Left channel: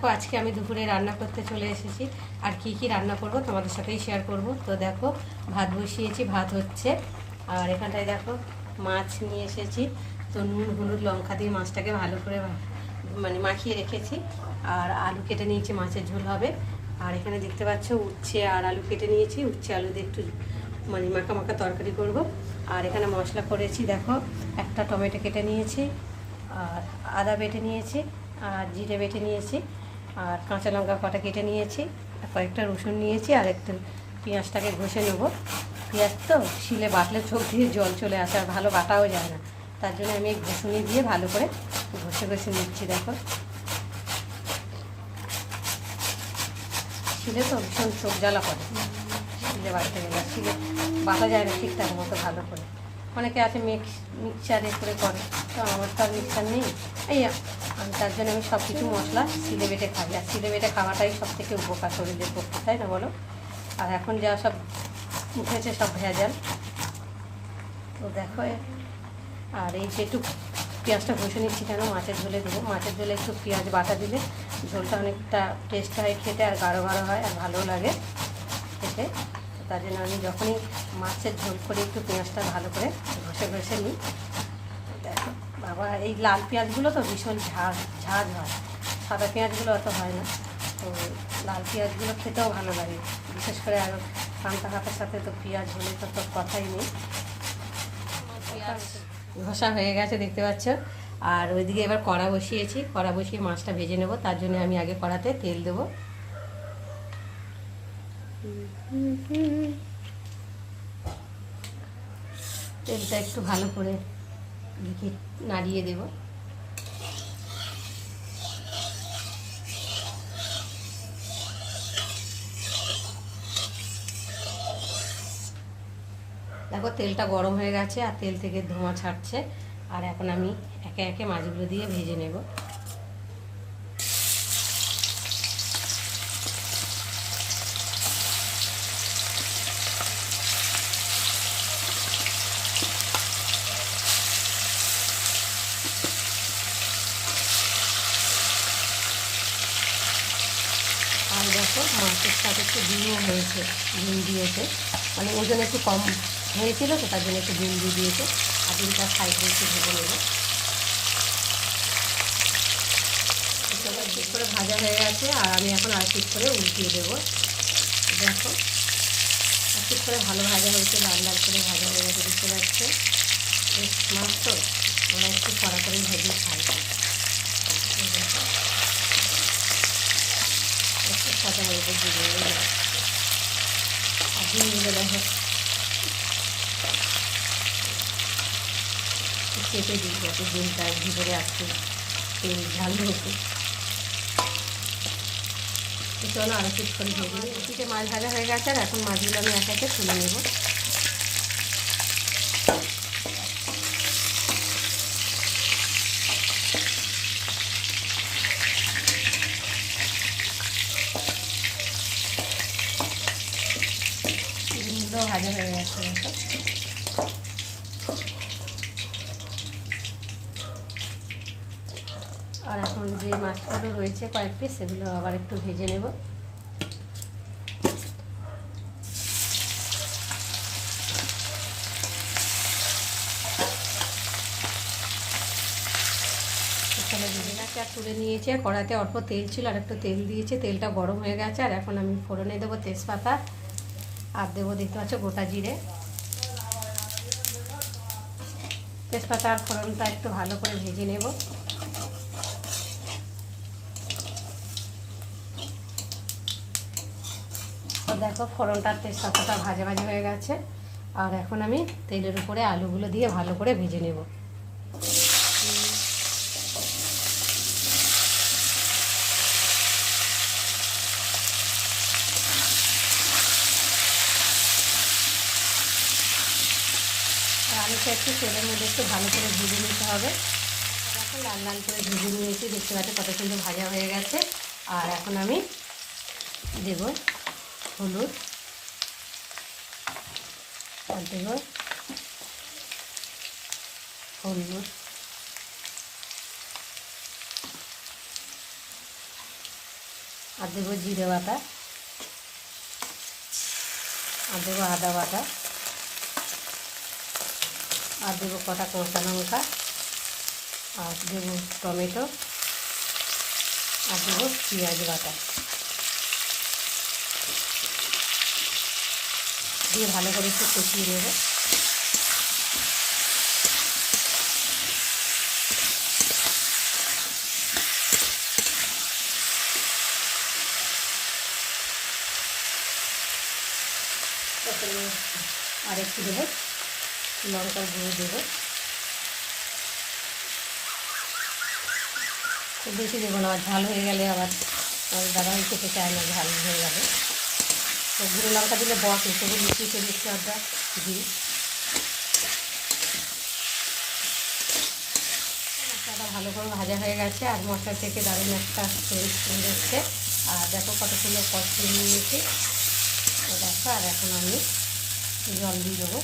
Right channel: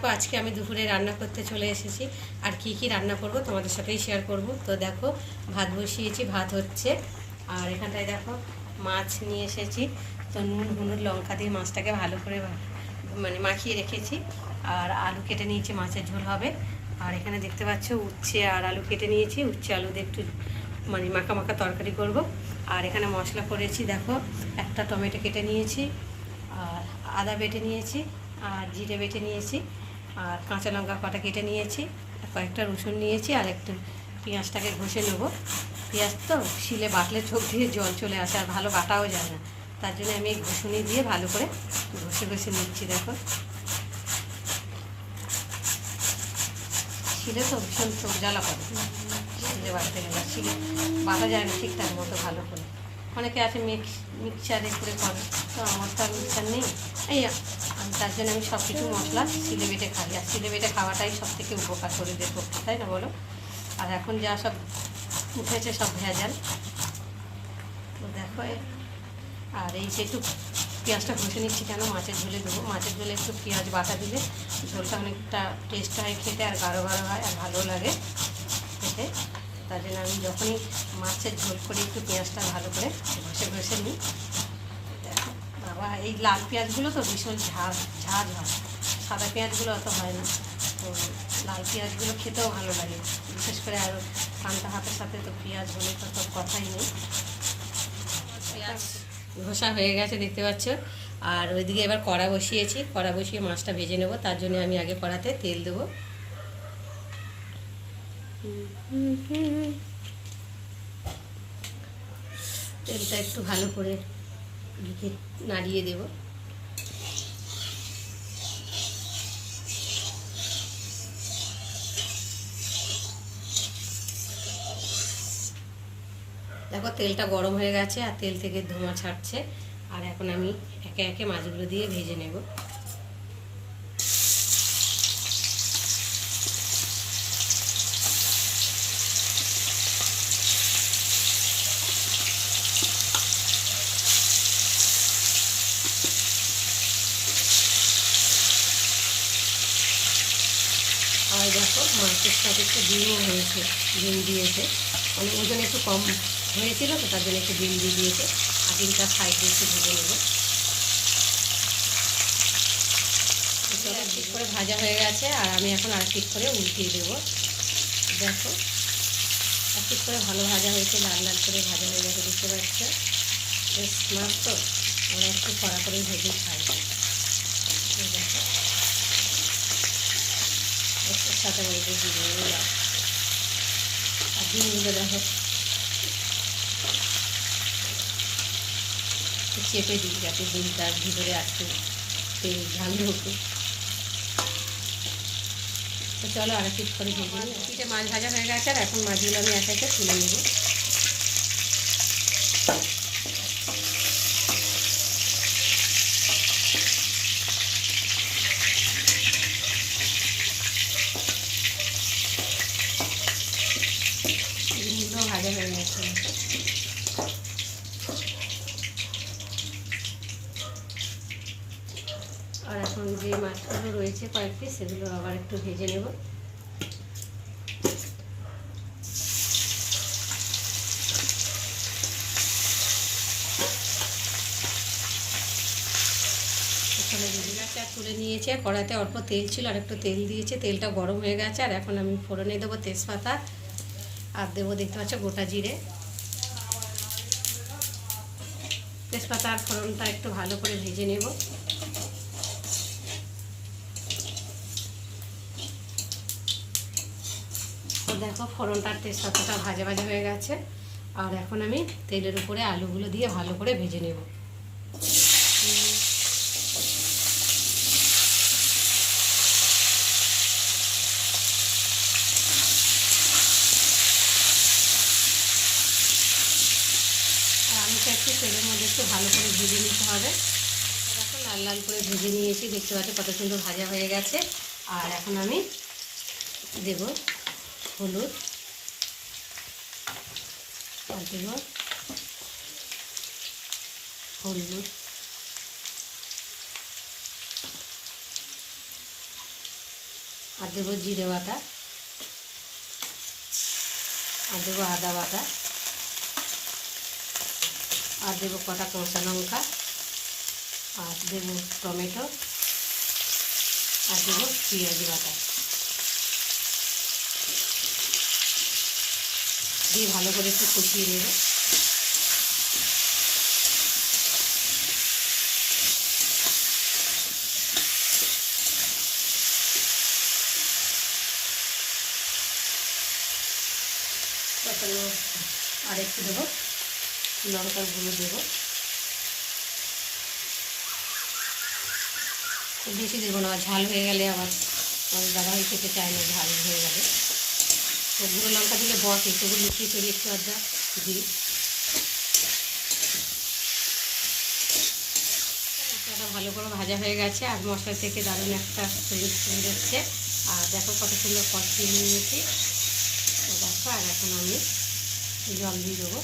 দেখো, আজকে আমি দুপুরে রান্না করতে চলে এসেছি। আর কি কি রান্না করব তোমাদের সাথেই শেয়ার করব। তো দেখো, ভাত বসিয়েছি, ভাত হচ্ছে। আর এখানটায় দেখো, মাছ নিয়ে এসেছি। তো নুন, হলুদ, লঙ্কা দিয়ে মাছটাকে ভালো করে মানে মাখিয়ে রেখেছি। আর আলু কেটে নিয়েছি, মাছের ঝোল হবে। আর এখানে দেখতে পাচ্ছ, উচ্ছে আর আলু কেটে নিয়েছি। উচ্ছে আলু দিয়ে একটু মানে মাখা মাখা তরকারি করব। আর এখানে মশলা করেছি, দেখো, একটা টমেটো কেটে নিয়েছি। আর আদা বেটে নিয়েছি। আর জিরে বেটে নিয়েছি। আর কাঁচা লঙ্কা কটা কেটে নিয়েছি, আর কয়েকটা রসুন নিয়েছি, আর একটু পেঁয়াজটাকে ঘষে নেব। পেঁয়াজ তো শিলে বাটলে চোখ দিয়ে জল চলে আসে, আর ভালো বাটাও যায় না। তার জন্য আমি ঘষুনি দিয়ে ভালো করে ঘষে ঘষে নিচ্ছি, দেখো। শিলে তো ভীষণ চোখ জ্বালা করে। শিলে বাটতে গেলে শিলে বাটা যায় না ঠিকঠাক মতো ভালো করে। অনেকে আছে মিক্স মিক্সারে করে করে। তো আমার তো আর মিক্সার নেই। এই আমি তার জন্য আমি সব কিছু মশলা সিলে বেটে খাই। আর সিলে বেটে খাওয়াটাই সব থেকে উপকার শরীরের পক্ষে, তাই না বলো? আর এখন যা সব উঠেছে সব ভেজাল। তো দেখো আর এই যে একটু পেঁয়াজটা ঘষে নিচ্ছি কেন? মাছের ঝোলে দেবো। মাছের ঝোলে একটু পেঁয়াজ বাটা দিলে ঝোলটা অনেকটা টেস্ট হয় খেতে, আর গাঢ় গাঢ় হয়, আর ভালো লাগে খেতে। তার জন্য আমি যখনই মাছের ঝোল করে, একটু পেঁয়াজটা ভালো করে ঘষে ঘষে নিই। বাবা, এই লাল পেঁয়াজগুলো তো ভীষণ ঝাঁজ ঝাঁজ হয়। সাদা পেঁয়াজগুলো অত হয় না। তো লাল পেঁয়াজগুলো খেতেও ভালো লাগে। বিশেষ করে আর পান্তা ভাতের সাথে তো পেঁয়াজ হলে তো তো কথাই নেই। ঘষা হয়ে গেছে, দেখতে পাচ্ছ। আর ওইদিকে এবার কড়া বসিয়েছি। কড়া বসিয়ে মাছটা ভেজে নেব। তার জন্য আমি আগে কড়াতে তেল দেবো। তেলটা একটু ভালো করে নাড়িয়ে দেব। দেখো তেলটা গরম হয়ে গেছে আর তেল থেকে ধোঁয়া ছাড়ছে। আর এখন আমি একে একে মাছগুলো দিয়ে ভেজে নেব। আর দেখো মাছের সাথে একটু ডিমও হয়েছে, ডিম দিয়েছে। মানে ওজন একটু কম হয়েছিল, তো তার জন্য একটু ডিম দিয়ে দিয়েছে। আর ডিমটা সাইডে একটু ভেজে নেব। ঠিক করে ভাজা হয়ে গেছে, আর আমি এখন আর ঠিক করে উল্টিয়ে দেবো। দেখো আর ঠিক করে ভালো ভাজা হয়েছে, লাল লাল করে ভাজা হয়ে গেছে দেখতে পাচ্ছে বেশ মাছ তো ওরা একটু কড়া করে ভেজে খাই এই দেখো। একটু সাথে বলতে দিয়ে ডিমগুলো দেখো চেপে দিই যাতে ডিমটার ভিতরে আসতে তেল ঝাল ঢুকে তো চলো আর কিছু করে ভেজে নিই মাছ ভাজা হয়ে গেছে এখন মাছগুলো আমি এক একে তুলে নেব ডিমগুলো ভাজা হয়ে গেছে। আর এখন যে মাছগুলো রয়েছে কয়েকটি সেগুলো আবার একটু ভেজে নেব তুলে নিয়েছে কড়াতে অল্প তেল ছিল, আর একটু তেল দিয়েছে, তেলটা গরম হয়ে গেছে, আর এখন আমি ফোড়নে দেবো তেজপাতা আর দেবো দেখতে পাচ্ছ গোটা জিরে তেজপাতা আর ফোড়নটা একটু ভালো করে ভেজে নেব দেখো ফোড়নটার তেজপাতাটা ভাজা ভাজা হয়ে গেছে। আর এখন আমি তেলের উপরে আলুগুলো দিয়ে ভালো করে ভেজে নেব। আলুটা একটু তেলের মধ্যে একটু ভালো করে ভেজে নিতে হবে। এখন লাল লাল করে ভেজে নিয়েছি, দেখতে পাচ্ছি কত সুন্দর ভাজা হয়ে গেছে। আর এখন আমি দেব হলুদ আর দেব হলুদ। আর দেবো জিরে বাটা, আর দেবো আদা বাটা। আর দেবো কটা কষা লঙ্কা আর দেবো টমেটো আর দেবো পেঁয়াজ বাটা। দিয়ে ভালো করে একটু কষিয়ে নেব। আর একটু দেবো লঙ্কার গুঁড়ো দেবো। খুব বেশি দেবো না, ঝাল হয়ে গেলে আবার দাদাভাই খেতে চায় না, ঝাল হয়ে যাবে। তো গুঁড়ো লঙ্কা দিলে বস সেগুলো লুচি চড়ি একটু আদা দিই ভালো করে ভাজা হয়ে গেছে, আর মশলা থেকে দারুণ একটা যাচ্ছে আর দেখো কত সুন্দর কষিয়ে নিয়েছি। দেখো, আর এখন আমি জল দিয়ে দেবো।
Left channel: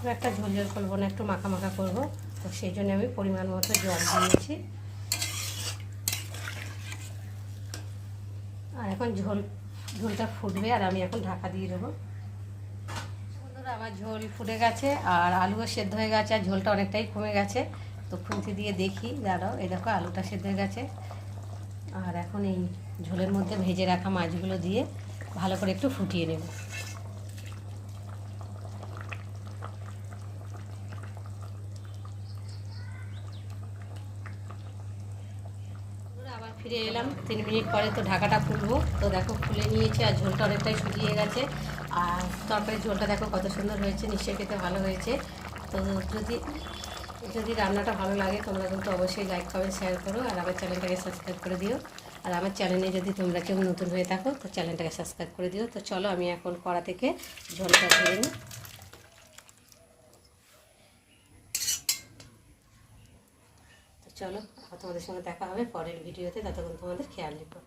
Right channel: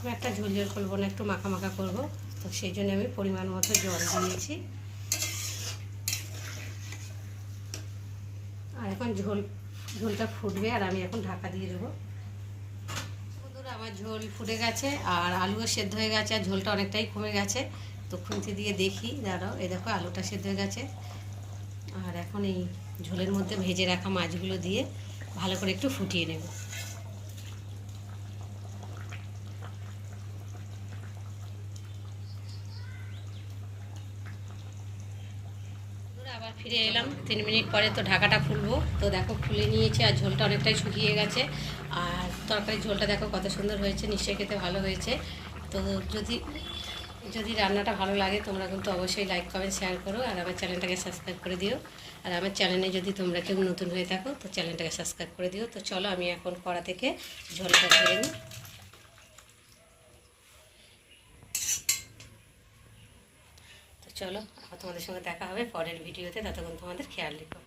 খুব একটা ঝোল ঝোল করব না, একটু মাখা মাখা করব। তো সেই জন্য আমি পরিমাণ মতো জল দিয়েছি। আর এখন ঝোল, ঝোলটা ফুটবে আর আমি এখন ঢাকা দিয়ে দেবো। আমার ঝোল ফুটে গেছে আর আলুও সেদ্ধ হয়ে গেছে আর ঝোলটা অনেকটাই কমে গেছে। তো খুঁতি দিয়ে দেখি, দাঁড়াও, এই দেখো, আলুটা সেদ্ধ হয়ে গেছে। আর এখন এই ঝোলের মধ্যে ভেজে রাখা মাছগুলো দিয়ে ভালো করে একটু ফুটিয়ে নেব আবার ফিরে এলাম। তিন মিনিট পরে তো ঢাকাটা খুলবো। তো দেখো, খুলে নিয়েছি আর ঝোলটা অনেকটাই শুকিয়ে গেছে। আর তরকারি ঝোলটা দেখো কত সুন্দর হয়েছে, নিশ্চয়ই খেতে ভালো হয়েছে। তো যদি যদি রান্নাটা ভালো লাগে, তোমরা কিন্তু অবশ্যই লাইক কমেন্ট শেয়ার করো আর আমার চ্যানেলটাকে সাবস্ক্রাইব করে দিও। আর আমার চ্যানেলে যদি তোমরা কেউ নতুন হয়ে থাকো, তো চ্যানেলটাকে সাবস্ক্রাইব করে দিও। তো চলো, আমি এখন কড়া থেকে ঝোলটা ধরে নিই। চলো তোমাদের সঙ্গে দেখা হবে পরের ভিডিওতে ততক্ষণ তোমাদের খেয়াল রেখো।